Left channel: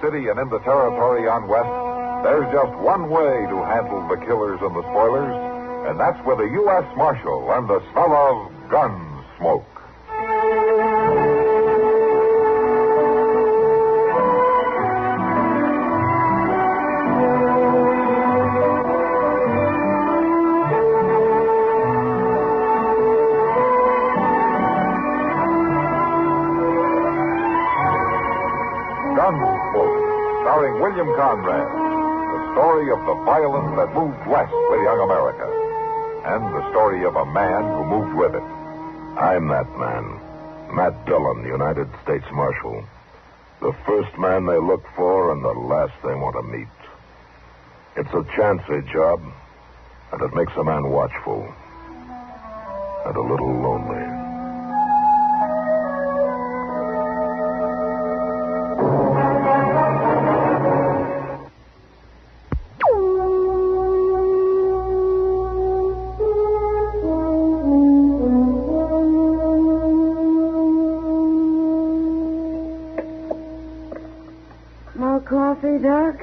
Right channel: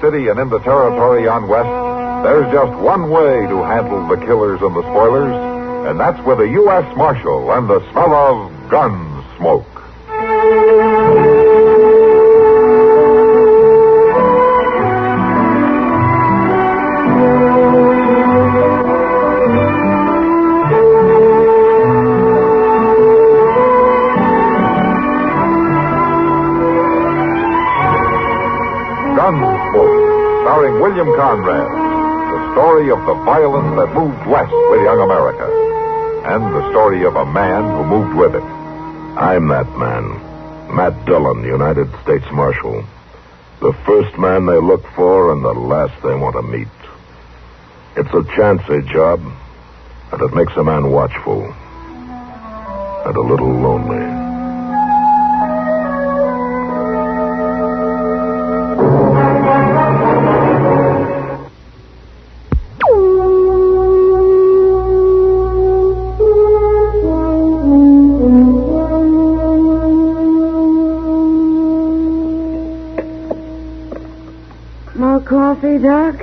city and in the territory on west, there's just one way to handle the killers and the spoilers, and that's with a U.S. Marshal and the smell of Gunsmoke. Gunsmoke, starring William Conrad, the story of the violence that moved west with young America, and the story of a man who moved with it. I'm that man, Matt Dillon, United States Marshal. The first man they look for and the last they want to meet. It's a chancy job, and it makes a man watchful and a little lonely. More coffee, Doc?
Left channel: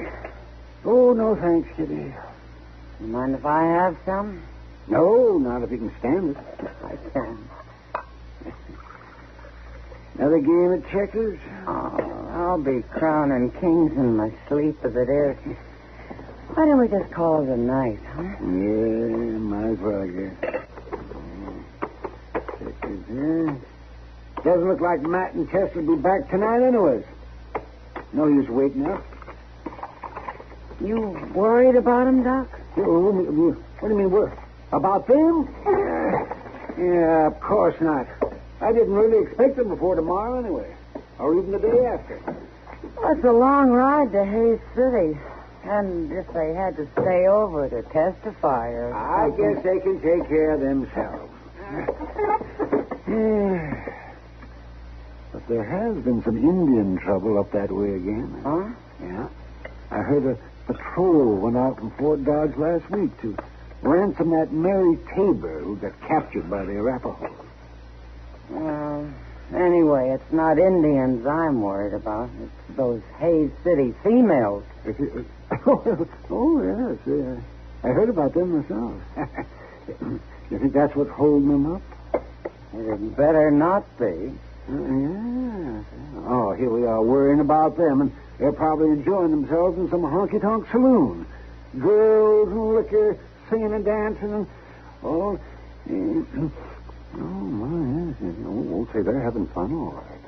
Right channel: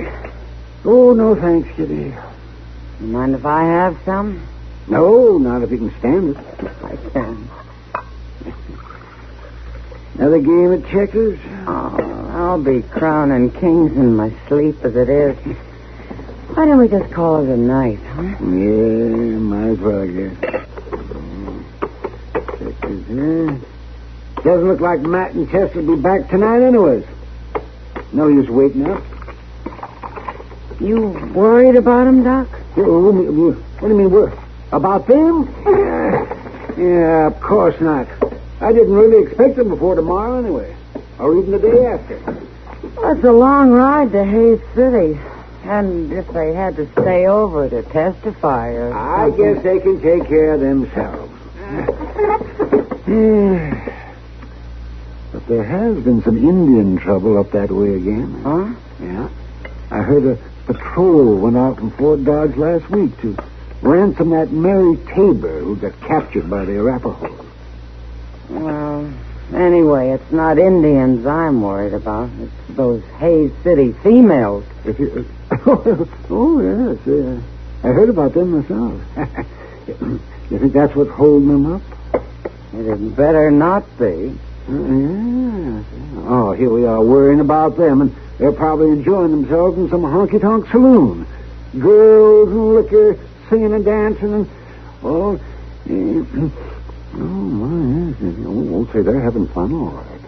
Oh, no thanks, Kitty. You mind if I have some? No, not if you can stand it. I can. Another game of checkers? Oh, I'll be crowning kings in my sleep as it is. Why don't we just call it a night, huh? Yeah, might as well, I guess. Checkers, huh? Doesn't look like Matt and Chester will be back tonight anyways. No use waiting up. You worried about him, Doc? What do you mean, worried? About them? Yeah, of course not. I didn't really expect them before tomorrow anyway. Or even the day after. Well, it's a long ride to Hayes City. And if they had to stay over to testify or I something... guess they can take care of themselves. But there has been some Indian trouble up that way again. Huh? Yeah. I heard a patrol went out from Fort Dodge last week to ransom that Mary Tabor who got captured by the Arapahoes. Well, anyway, it's not Indians I'm worried about. It's those Hayes City females. Oh, yes. I heard about them myself. You think that's what's holding them up? It had better not be. Yeah. Oh, here we are worrying about them, and they're probably enjoying themselves in some honky-tonk saloon. Girls and liquor, singing and dancing, and... Oh, my, yes. Won't say they're having fun, all right.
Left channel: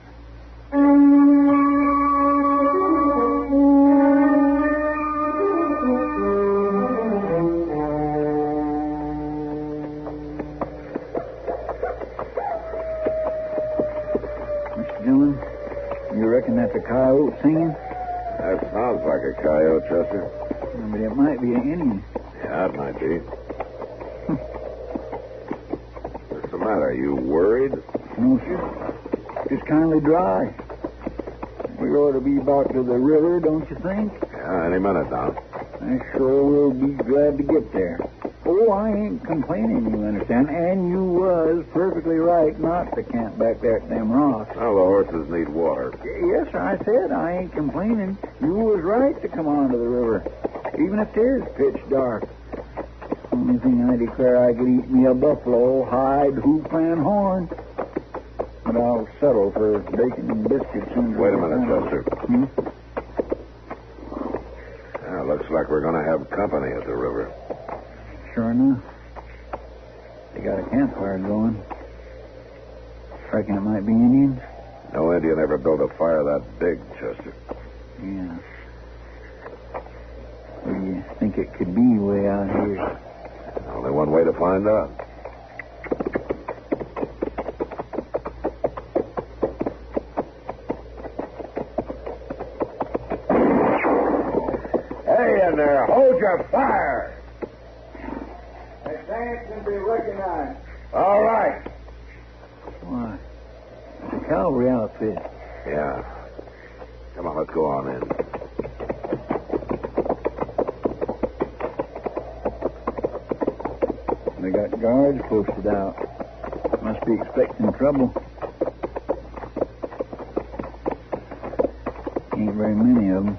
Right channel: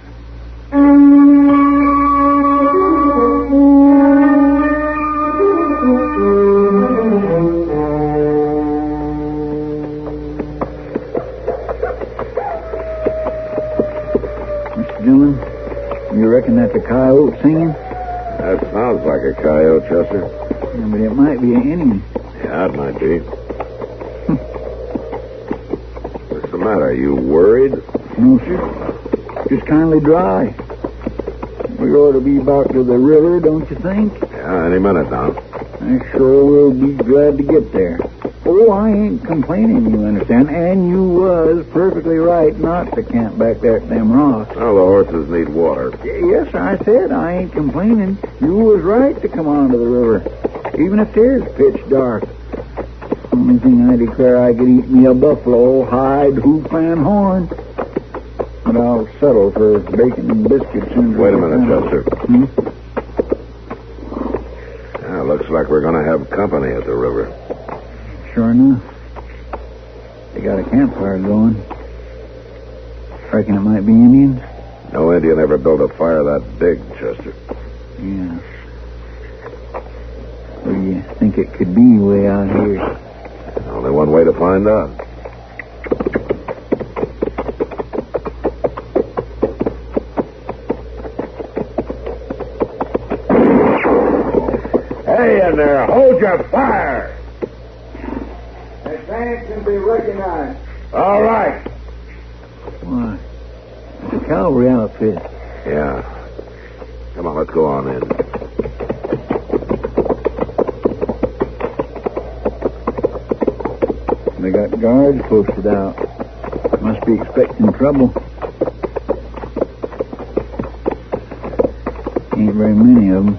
Dillon, you reckon that's a coyote singing? That sounds like a coyote, Chester. Yeah, but it might be an Indian. Yeah, it might be. What's the matter? Are you worried? No, sir. Just kindly dry. We ought to be about to the river, don't you think? Yeah, any minute now. I sure will be glad to get there. Oh, I ain't complaining, you understand. And you was perfectly right not to camp back there at them rocks. Well, the horses need water. Yes, I said I ain't complaining. You was right to come on to the river, even if 'tis pitch dark. Only thing I declare I could eat me a buffalo, hide, hoof, and horn. But I'll settle for bacon and biscuits. Wait a minute, Chester. Hmm? Yeah, looks like we're going to have company at the river. Sure enough. They got a campfire going. Reckon it might be Indians? No Indian ever built a fire that big, Chester. Yeah. What do you think it could be way out here? Only one way to find out. Hey, in there, hold your fire! Advance and be recognized. All right. Why? It's a cavalry outfit. Yeah. Come on, let's go on in. They got guards posted out. Must be expecting trouble. Ain't very many any of them.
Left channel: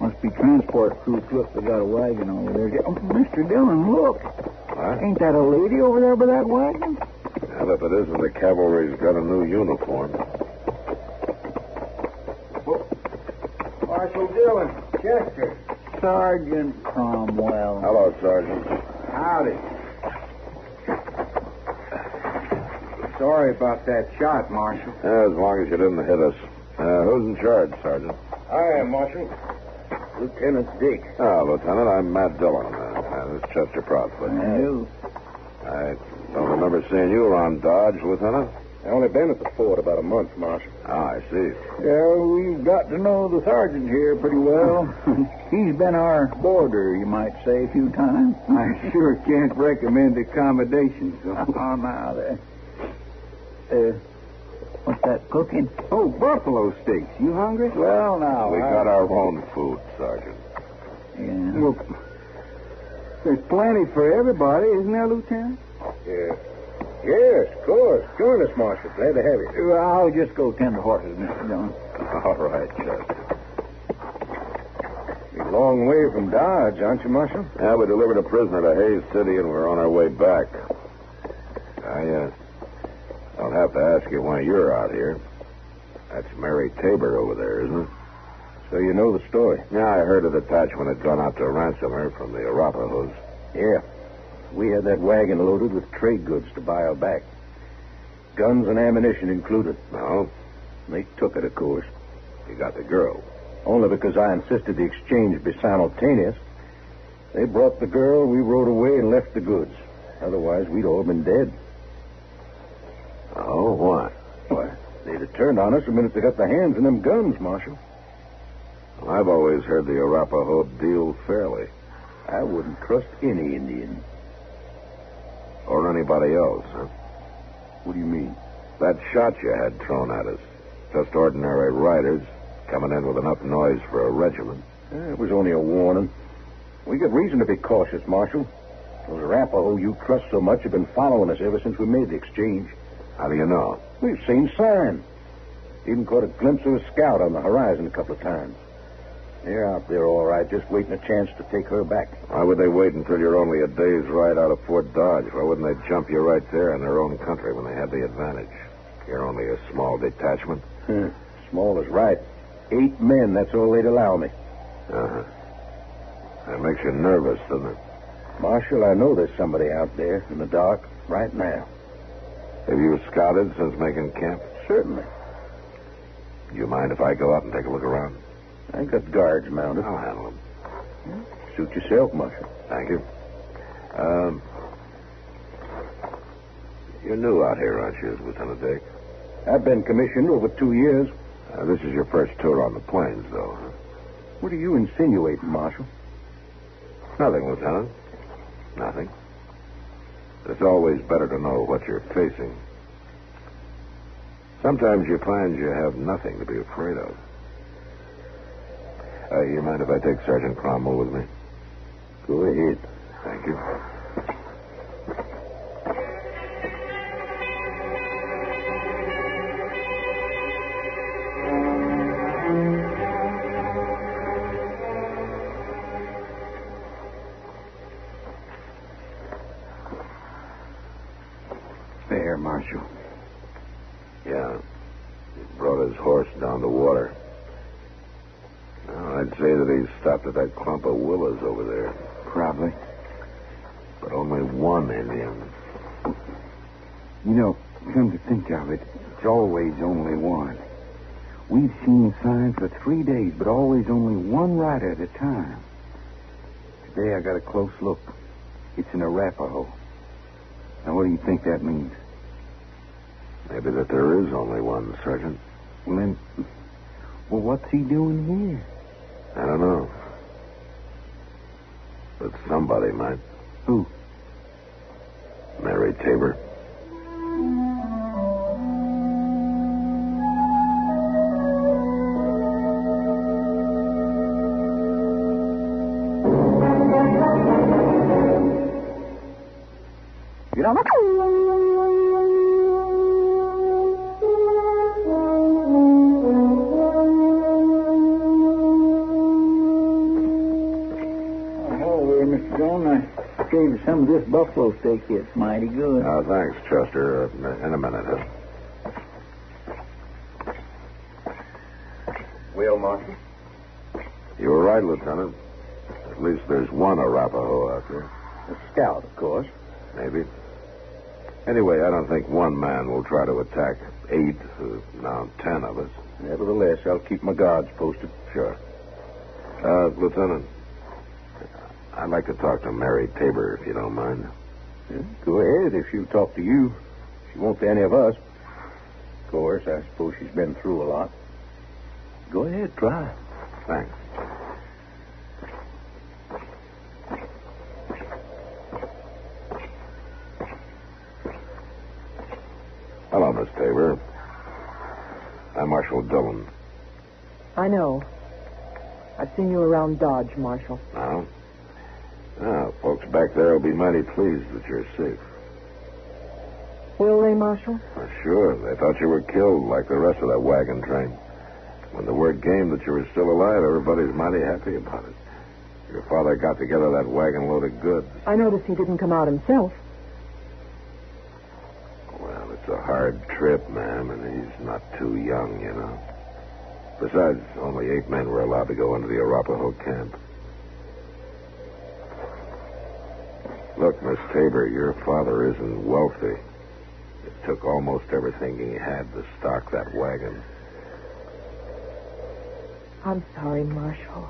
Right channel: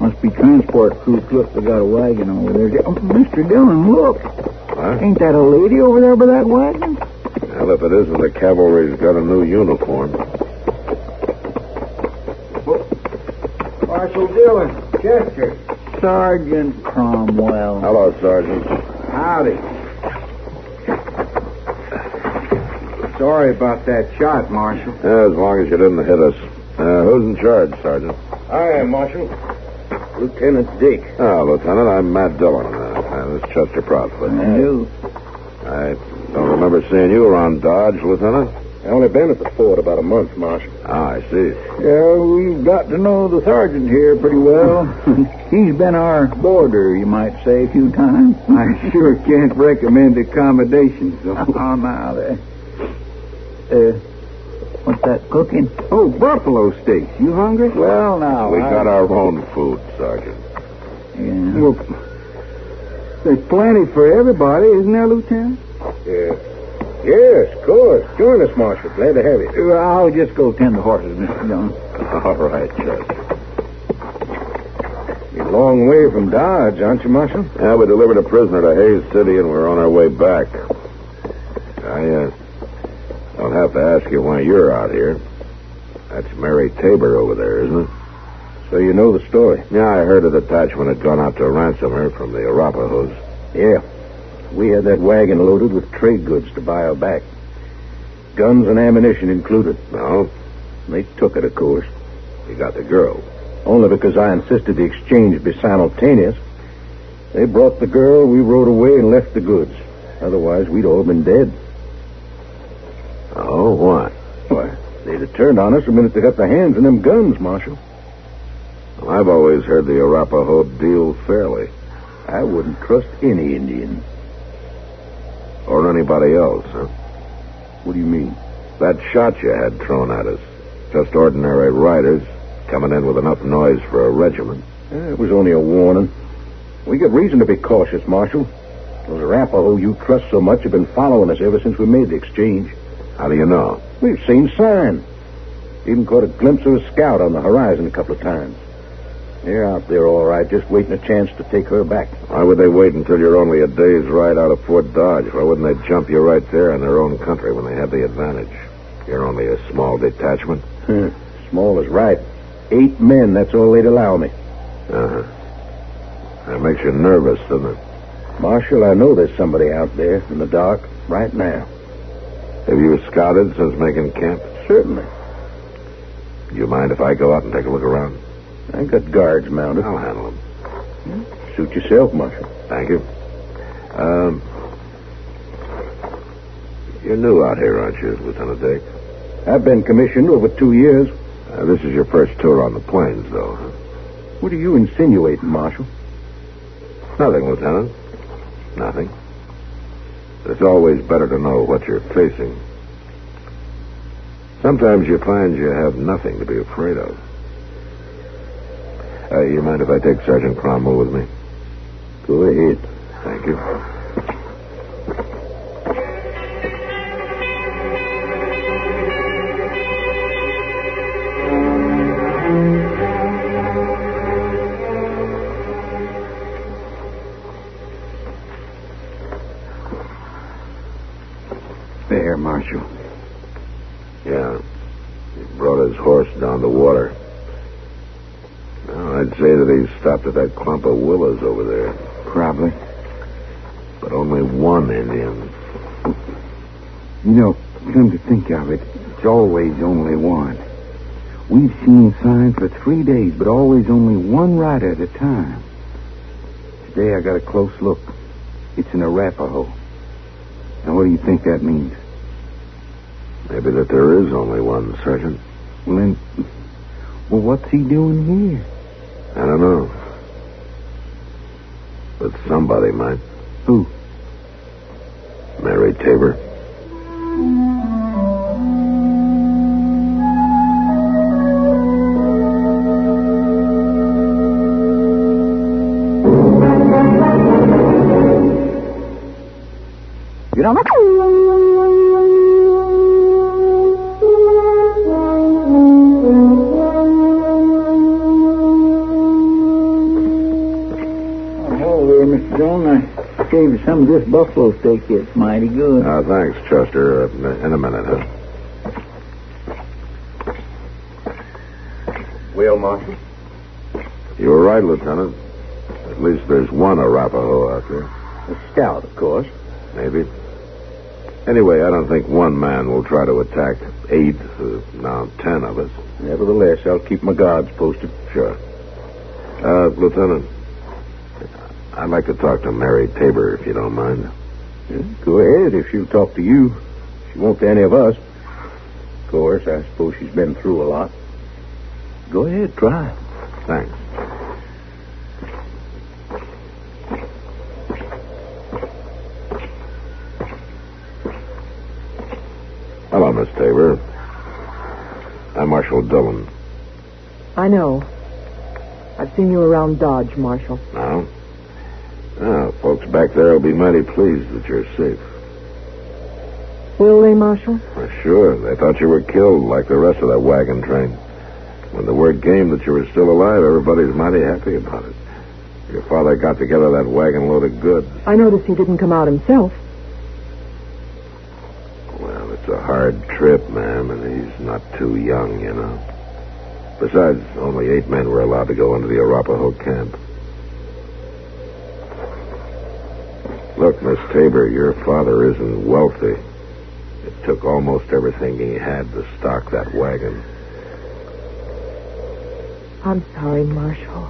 Must be transport crew. Look, they got a wagon over there. Oh, Mr. Dillon, look. What? Ain't that a lady over there by that wagon? Well, if it isn't, the cavalry's got a new uniform. Marshal Dillon, Chester. Sergeant Cromwell. Hello, Sergeant. Howdy. Sorry about that shot, Marshal. Yeah, as long as you didn't hit us. Who's in charge, Sergeant? I am, Marshal. Lieutenant Dick. Oh, Lieutenant, I'm Matt Dillon. This is Chester Proudfoot. You. I don't remember seeing you around Dodge, Lieutenant. I only been at the fort about a month, Marshal. Ah, I see. Yeah, we've got to know the sergeant here pretty well. He's been our boarder, you might say, a few times. I sure can't recommend accommodations, though. Oh, now there. What's that cooking? Oh, buffalo steaks. You hungry? Well, now. We got our own food, Sergeant. Yeah. Well, there's plenty for everybody, isn't there, Lieutenant? Yeah. Yes, of course. Join us, Marshal. Glad to have you. I'll just go tend the horses, Mr. Dillon. All right, Chester. You're a long way from Dodge, aren't you, Marshal? Yeah, we delivered a prisoner to Hayes City, and we're on our way back. I don't have to ask you why you're out here. That's Mary Tabor over there, isn't it? So you know the story. Yeah, I heard a detachment had gone out to ransom her from the Arapahoes. Yeah. We had that wagon loaded with trade goods to buy her back. Guns and ammunition included. No? They took it, of course. You got the girl. Only because I insisted the exchange be simultaneous. They brought the girl, we rode away and left the goods. Otherwise, we'd all been dead. Oh, why? Why, they'd have turned on us the minute they got their hands on them guns, Marshal. Well, I've always heard the Arapaho deal fairly. I wouldn't trust any Indian. Or anybody else, huh? What do you mean? That shot you had thrown at us. Just ordinary riders coming in with enough noise for a regiment. It was only a warning. We got reason to be cautious, Marshal. Those Arapaho you trust so much have been following us ever since we made the exchange. How do you know? We've seen signs. Even caught a glimpse of a scout on the horizon a couple of times. They're out there all right, just waiting a chance to take her back. Why would they wait until you're only a day's ride out of Fort Dodge? Why wouldn't they jump you right there in their own country when they have the advantage? You're only a small detachment. Small is right. 8 men, that's all they'd allow me. Uh-huh. That makes you nervous, doesn't it? Marshal, I know there's somebody out there in the dark right now. Have you scouted since making camp? Certainly. Do you mind if I go out and take a look around? I got guards mounted. I'll handle them. Suit yourself, Marshal. Thank you. You're new out here, aren't you, Lieutenant Dick? I've been commissioned over 2 years. This is your first tour on the plains, though, huh? What are you insinuating, Marshal? Nothing, Lieutenant. Nothing. It's always better to know what you're facing. Sometimes you find you have nothing to be afraid of. You mind if I take Sergeant Cromwell with me? Go ahead. Thank you. There, Marshal. Yeah. He brought his horse down the water. Well, I'd say that he stopped at that clump of willows over there. Probably. But only one Indian. You know, come to think of it, it's always only one. We've seen signs for 3 days, but always only one rider at a time. Today I got a close look. It's an Arapaho. Now, what do you think that means? Maybe that there is only one, Sergeant. Well, then, what's he doing here? I don't know. But somebody might. Who? Mary Tabor. You know, shaved some of this buffalo steak. It's mighty good. Thanks, Chester. In a minute, huh? Well, Marshal? You were right, Lieutenant. At least there's one Arapaho out there. A scout, of course. Maybe. Anyway, I don't think one man will try to attack 8, now 10 of us. Nevertheless, I'll keep my guards posted. Sure. Lieutenant, I'd like to talk to Mary Tabor, if you don't mind. Yeah, go ahead, if she'll talk to you. She won't to any of us. Of course, I suppose she's been through a lot. Go ahead, try. Thanks. Hello, Miss Tabor. I'm Marshal Dillon. I know. I've seen you around Dodge, Marshal. Now? Now, folks back there will be mighty pleased that you're safe. Will they, Marshal? Well, sure. They thought you were killed like the rest of that wagon train. When the word came that you were still alive, everybody's mighty happy about it. Your father got together that wagon load of goods. I noticed he didn't come out himself. Well, it's a hard trip, ma'am, and he's not too young, you know. Besides, only 8 men were allowed to go into the Arapaho camp. Look, Miss Tabor, your father isn't wealthy. It took almost everything he had to stock that wagon. I'm sorry, Marshal.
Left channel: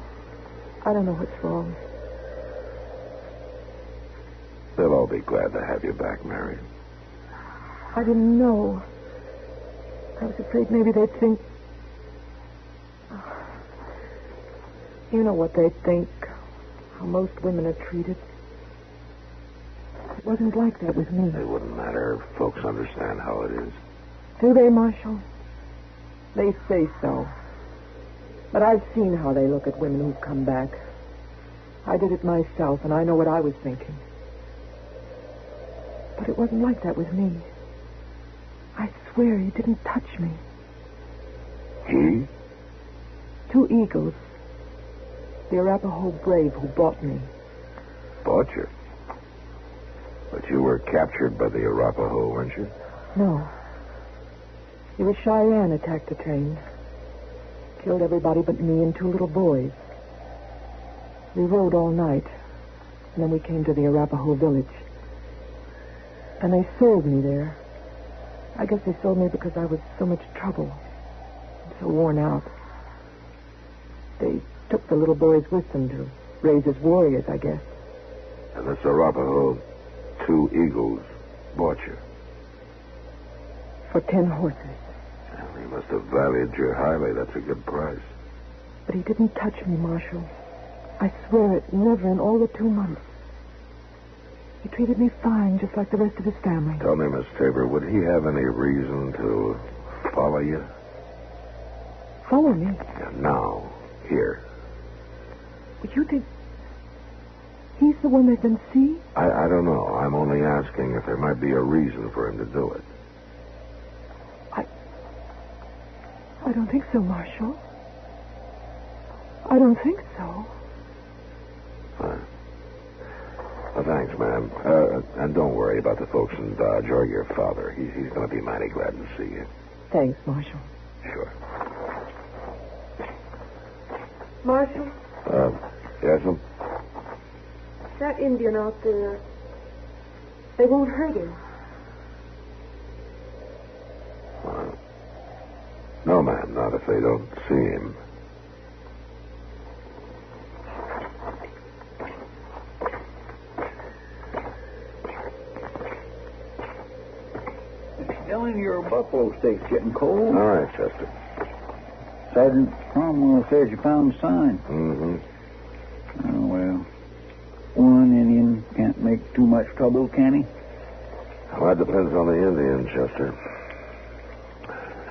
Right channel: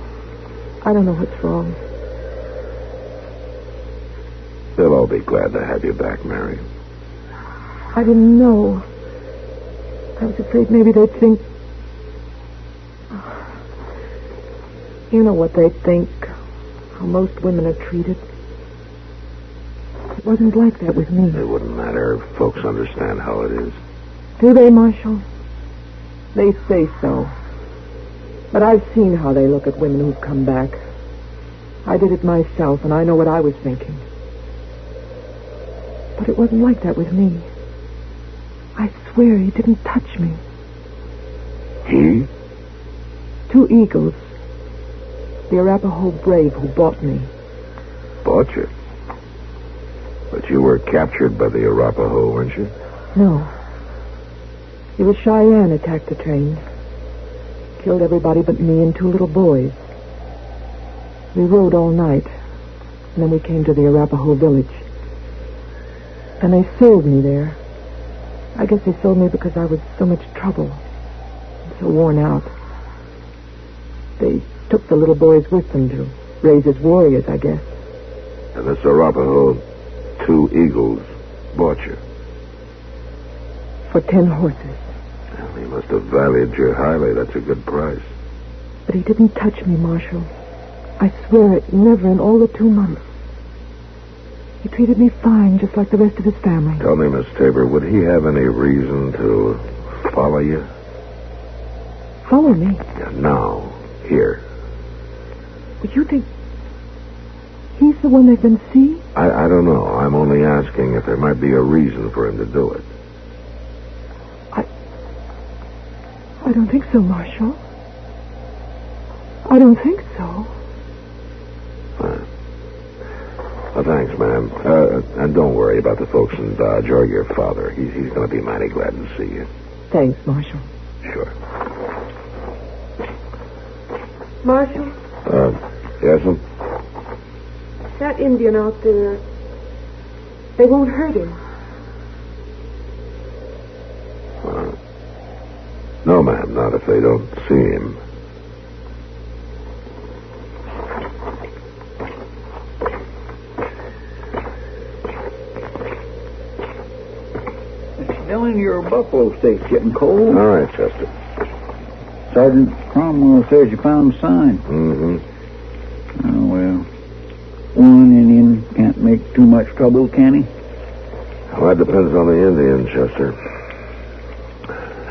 I don't know what's wrong. They'll all be glad to have you back, Mary. I didn't know. I was afraid maybe they'd think... You know what they'd think. How most women are treated. It wasn't like that with me. It wouldn't matter if folks understand how it is. Do they, Marshal? They say so. But I've seen how they look at women who've come back. I did it myself, and I know what I was thinking. But it wasn't like that with me. I swear he didn't touch me. He? 2 eagles. The Arapaho brave who bought me. Bought you? But you were captured by the Arapaho, weren't you? No. It was Cheyenne attacked the train. Killed everybody but me and 2 little boys. We rode all night, and then we came to the Arapaho village. And they sold me there. I guess they sold me because I was so much trouble. And so worn out. They took the little boys with them to raise as warriors, I guess. And this Arapaho, 2 eagles, bought you. For 10 horses. Well, he must have valued you highly. That's a good price. But he didn't touch me, Marshal. I swear it, never in all the 2 months. He treated me fine, just like the rest of his family. Tell me, Miss Tabor, would he have any reason to follow you? Follow me? Yeah, now, here. Would you think he's the one they've been seeing? I don't know. I'm only asking if there might be a reason for him to do it. I don't think so, Marshal. I don't think so. Well, thanks, ma'am. And don't worry about the folks in Dodge or your father. He's going to be mighty glad to see you. Thanks, Marshal. Sure. Marshal? Yes, ma'am? That Indian out there, they won't hurt him. No, ma'am, not if they don't see him. Dillon, your buffalo steak's getting cold. All right, Chester. Sergeant Cromwell says you found a sign. Mm-hmm. Oh, well. One Indian can't make too much trouble, can he? Well, that depends on the Indian, Chester.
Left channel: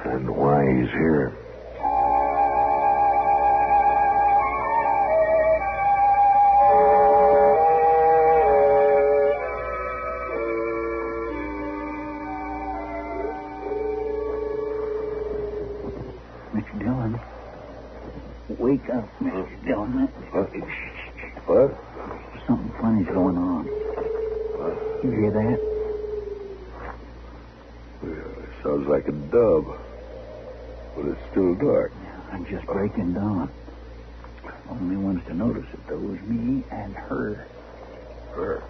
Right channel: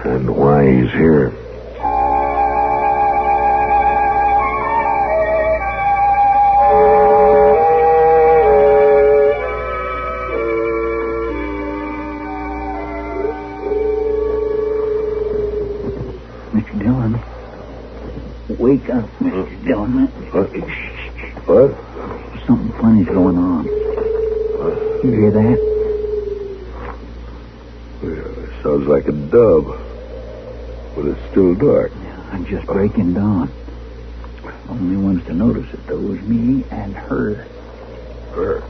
And why he's here. Mr. Dillon. Wake up, Mr. Dillon. What? Something funny's going on. You hear that? Well, it sounds like a dove. But it's still dark. I'm just breaking dawn. Only ones to notice it, though, is me and her. Her?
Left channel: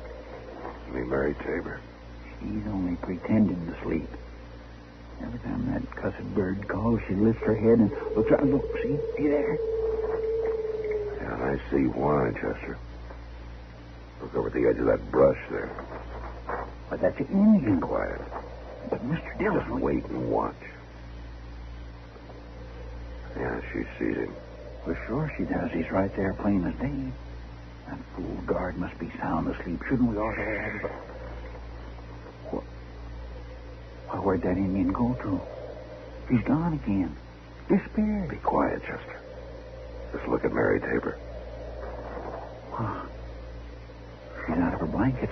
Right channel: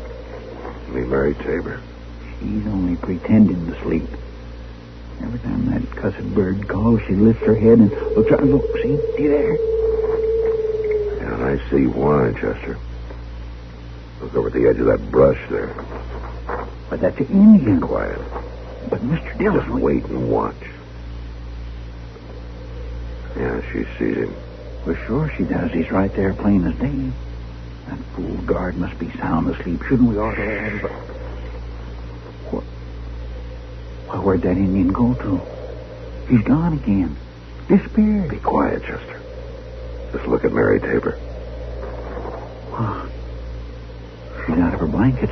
You mean Mary Tabor? She's only pretending to sleep. Every time that cussed bird calls, she lifts her head and looks out. Look, see there? Yeah, and I see why, Chester. Look over at the edge of that brush there. But that's an Indian. Quiet. But Mr. Dillon... Just wait and watch. Yeah, she sees him. Well, sure she does. He's right there plain as day. That fool guard must be sound asleep. Shouldn't we ought to have... Well, where'd that Indian go to? He's gone again. Disappeared. Be quiet, Chester. Just look at Mary Tabor. Oh, she's out of her blankets.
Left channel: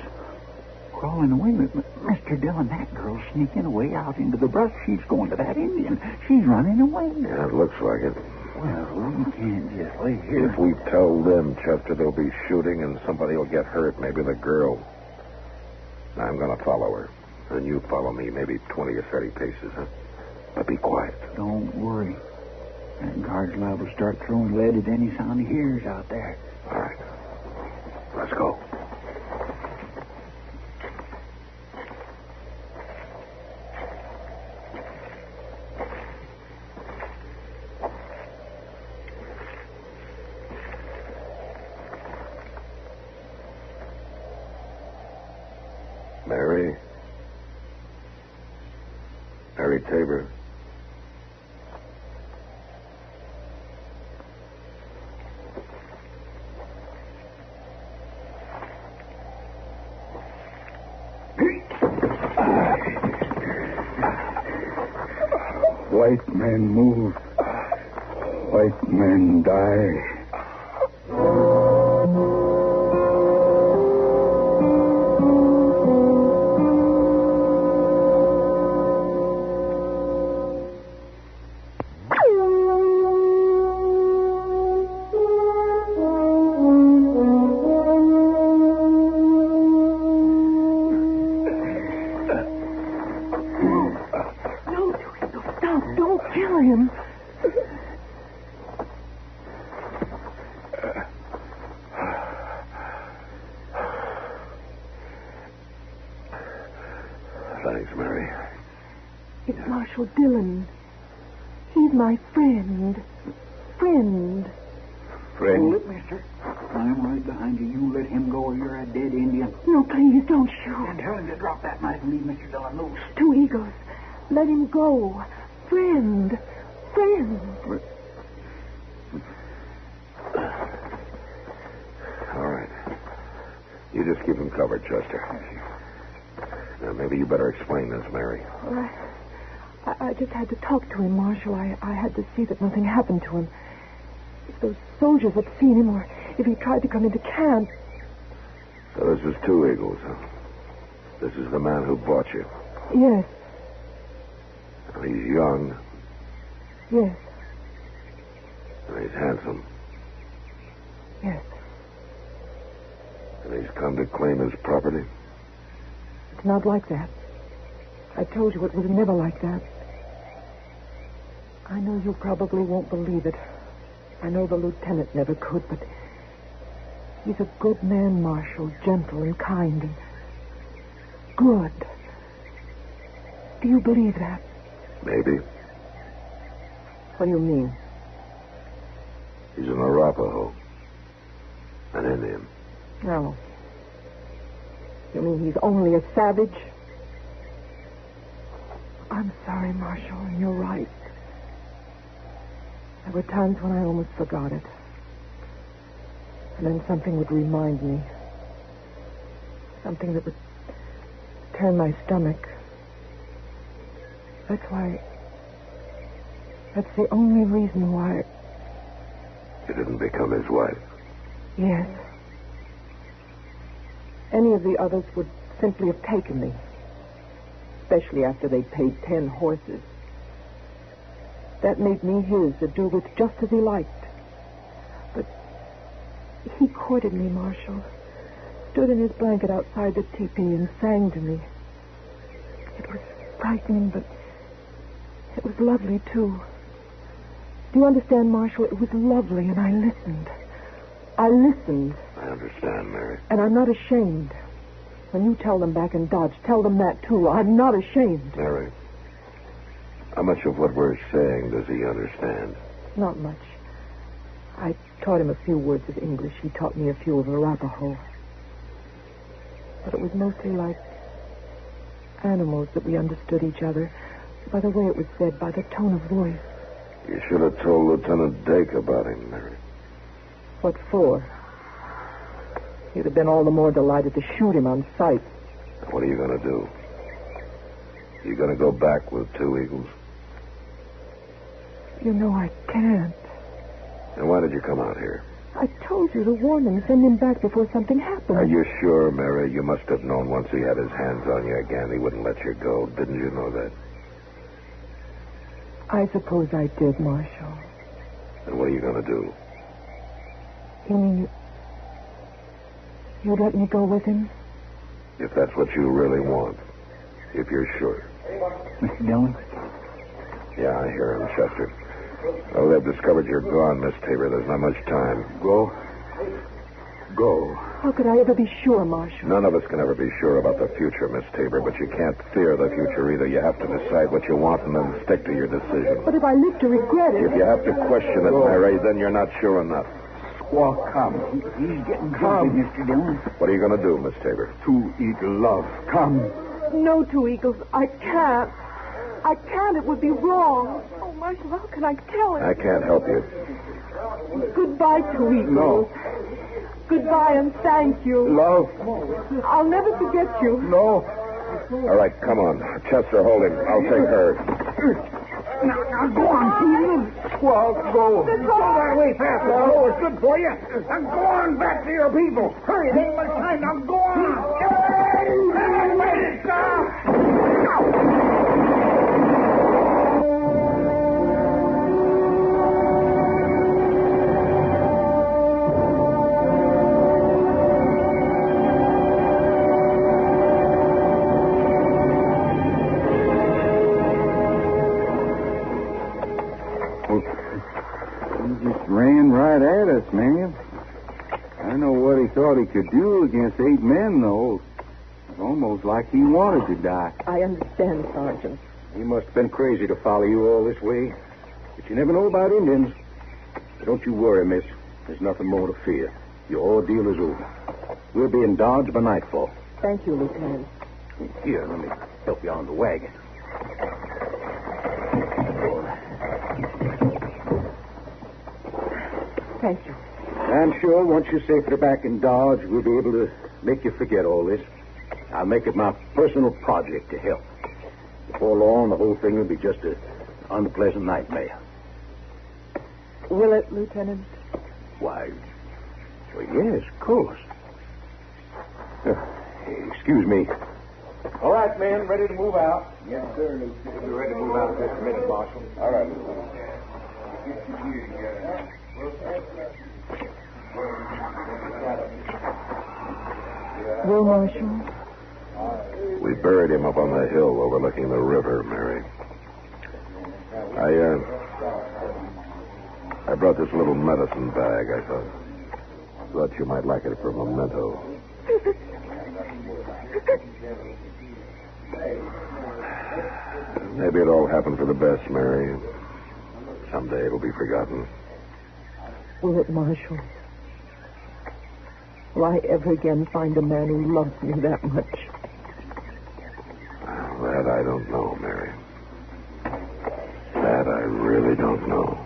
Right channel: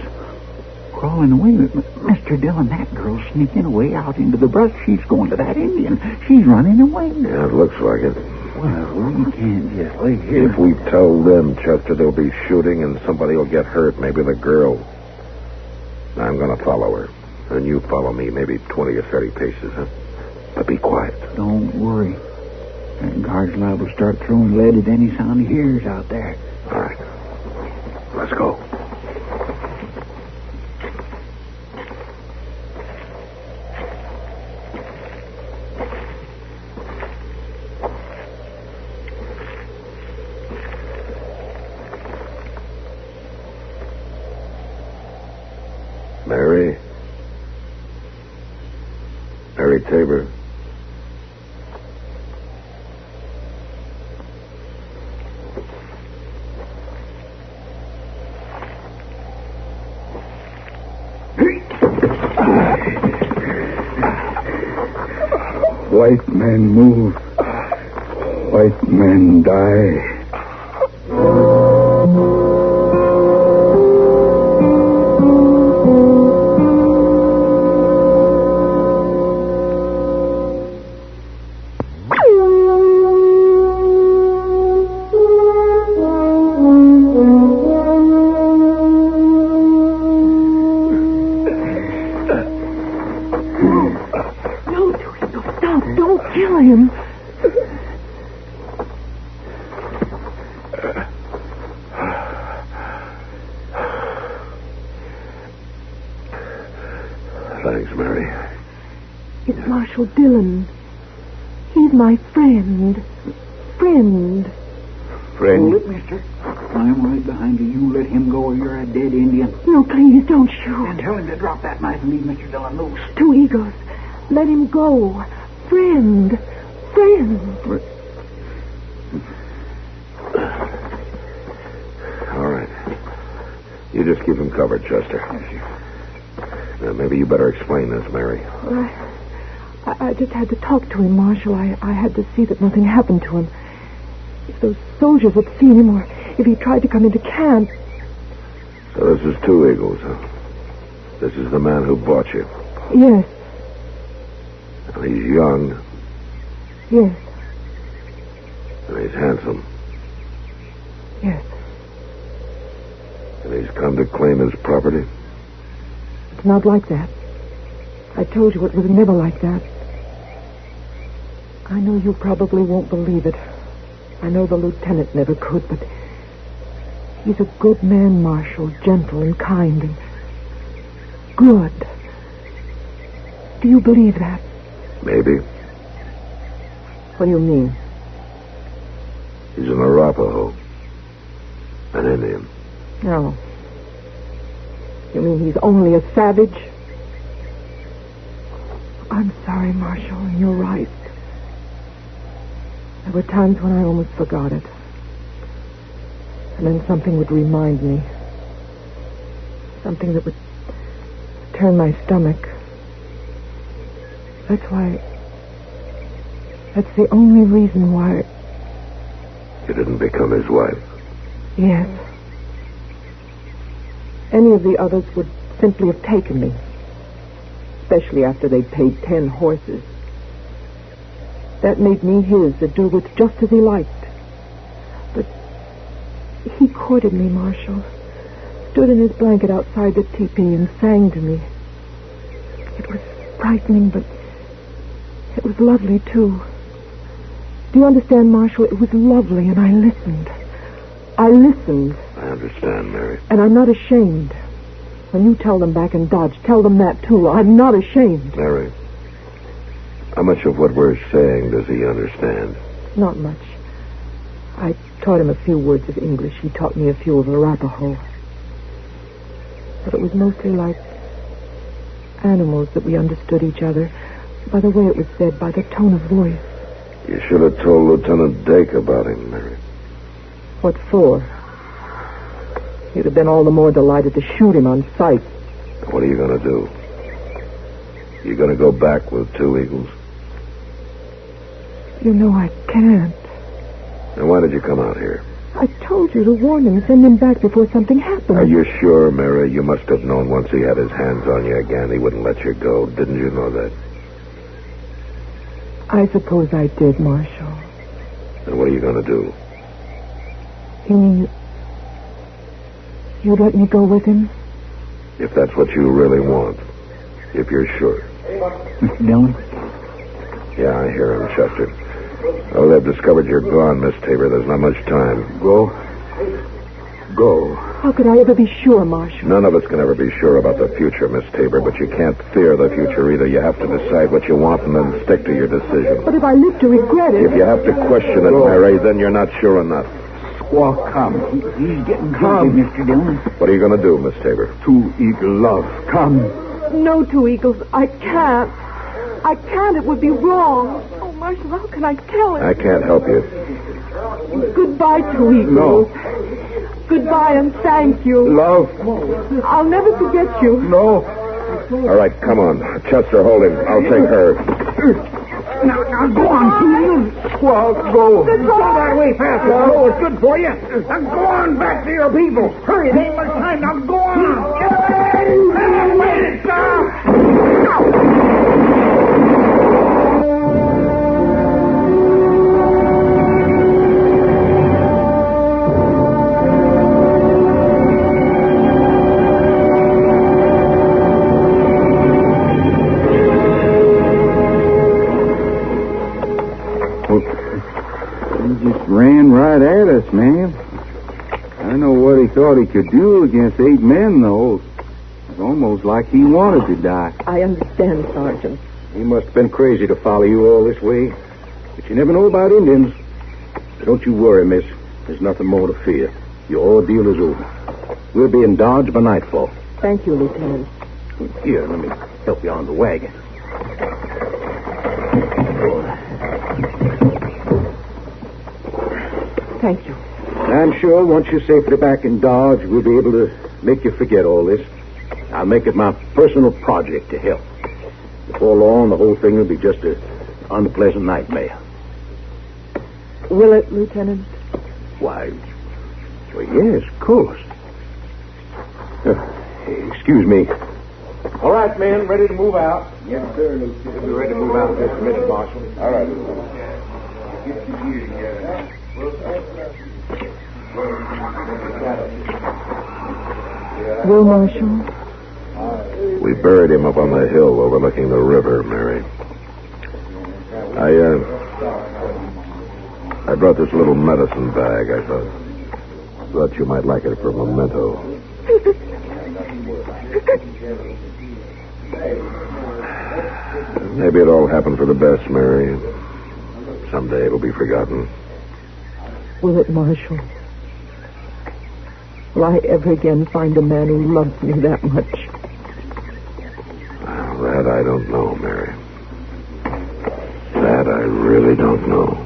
Crawling away. Mr. Dillon, that girl's sneaking away out into the brush. She's going to that Indian. She's running away. Yeah, it looks like it. Well, we can't just lay here. If we tell them, Chester, there'll be shooting and somebody will get hurt. Maybe the girl. I'm going to follow her. And you follow me maybe 20 or 30 paces, huh? But be quiet. Don't worry. That guard's liable to start throwing lead at any sound he hears out there. All right. Let's go. Mary Tabor. White men move. White men die. Thanks, Mary. It's Marshal Dillon. He's my friend. Friend. Hold it, mister. I'm right behind you. You let him go or you're a dead Indian. No, please, don't shoot. And tell him to drop that knife and leave Mr. Dillon loose. Two egos. Let him go. Friend. Friend. All right. You just keep him covered, Chester. Now, maybe you better explain this, Mary. Well, I just had to talk to him, Marshal. I had to see that nothing happened to him. If those soldiers had seen him, or if he tried to come into camp... So this is two eagles, huh? This is the man who bought you. Yes. Now, he's young. Yes. And he's handsome. Yes. And he's come to claim his property. It's not like that. I told you it was never like that. I know you probably won't believe it. I know the lieutenant never could, but he's a good man, Marshal, gentle and kind and good. Do you believe that? Maybe. What do you mean? He's an Arapaho. An Indian. No. You mean he's only a savage? I'm sorry, Marshal, and you're right. There were times when I almost forgot it. And then something would remind me. Something that would turn my stomach. That's the only reason why... You didn't become his wife. Yes. Any of the others would simply have taken me. Especially after they'd paid 10 horses. That made me his to do with just as he liked. But he courted me, Marshal. stood in his blanket outside the teepee and sang to me. It was frightening, but it was lovely, too. Do you understand, Marshal? It was lovely, and I listened. I listened. I understand, Mary. And I'm not ashamed. When you tell them back in Dodge, tell them that, too. I'm not ashamed. Mary, how much of what we're saying does he understand? Not much. I taught him a few words of English. He taught me a few of Arapaho. But it was mostly like animals that we understood each other, by the way it was said, by the tone of voice. You should have told Lieutenant Dake about him, Mary. What for? He'd have been all the more delighted to shoot him on sight. What are you going to do? You going to go back with 2 Eagles? You know I can't. Then why did you come out here? I told you to warn him, send him back before something happened. Are you sure, Mary? You must have known once he had his hands on you again, he wouldn't let you go. Didn't you know that? I suppose I did, Marshal. Then what are you going to do? You mean you'd let me go with him? If that's what you really want. If you're sure. Mr. Dillon? Yeah, I hear him, Chester. Oh, they've discovered you're gone, Miss Tabor. There's not much time. Go. Go. How could I ever be sure, Marshal? None of us can ever be sure about the future, Miss Tabor, but you can't fear the future either. You have to decide what you want and then stick to your decision. But if I live to regret it... If you have to question it, Mary, then you're not sure enough. Squaw, come. He's getting Come. busy, Mr. Dillon. What are you going to do, Miss Tabor? 2 Eagle love. Come. No, 2 Eagles. I can't. I can't. It would be wrong. Oh, Marshal, how can I tell him? I can't help you. Goodbye, 2 Eagles. No. Goodbye and thank you. Love. I'll never forget you. No. All right, come on. Chester, hold him. I'll take her. Now, go on, 2 Eagles. Squaw, go. Go that way fast. Oh, it's good for you. Now go on back to your people. Hurry, there ain't much time. Now go on. Get away! Wait it, Ran right at us, man. I know what he thought he could do against 8 men, though. It's almost like he wanted to die. I understand, Sergeant. He must have been crazy to follow you all this way. But you never know about Indians. Don't you worry, miss. There's nothing more to fear. Your ordeal is over. We'll be in Dodge by nightfall. Thank you, Lieutenant. Here, let me help you on the wagon. Thank you. I'm sure once you're safely back in Dodge, we'll be able to make you forget all this. I'll make it my personal project to help. Before long, the whole thing will be just an unpleasant nightmare. Will it, Lieutenant? Why, well, yes, of course. Excuse me. All right, men, ready to move out? Yes, sir, Lieutenant. We'll be ready to move out in just a minute, Marshal. All right, Lieutenant. Will, Marshal? We buried him up on the hill overlooking the river, Mary. I brought this little medicine bag. I thought you might like it for a memento. Maybe it all happened for the best, Mary. Someday it'll be forgotten. Will it, Marshal? Will I ever again find a man who loves me that much? Well, that I don't know, Mary. That I really don't know.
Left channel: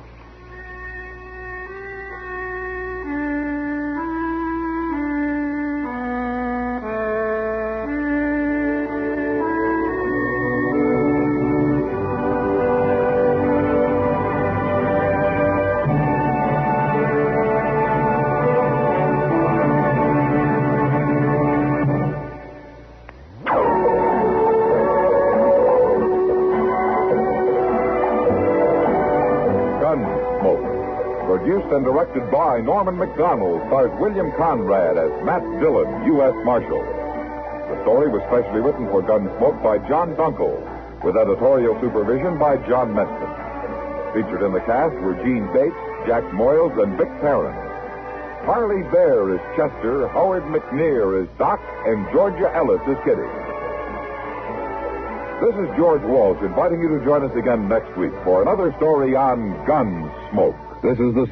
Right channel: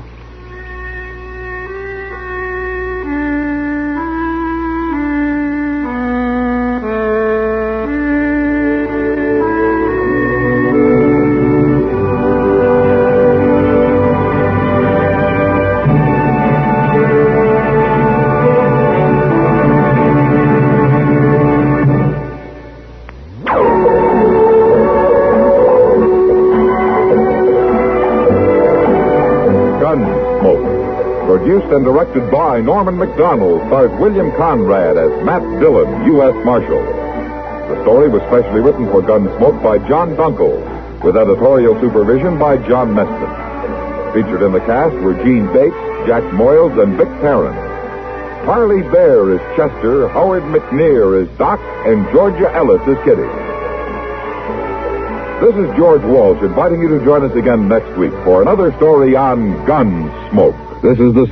Produced and directed by Norman MacDonnell, stars William Conrad as Matt Dillon, U.S. Marshal. The story was specially written for Gunsmoke by John Dunkel, with editorial supervision by John Meston. Featured in the cast were Gene Bates, Jack Moyles, and Vic Perrin. Parley Baer is Chester, Howard McNear is Doc, and Georgia Ellis is Kitty. This is George Walsh inviting you to join us again next week for another story on Gunsmoke. This is the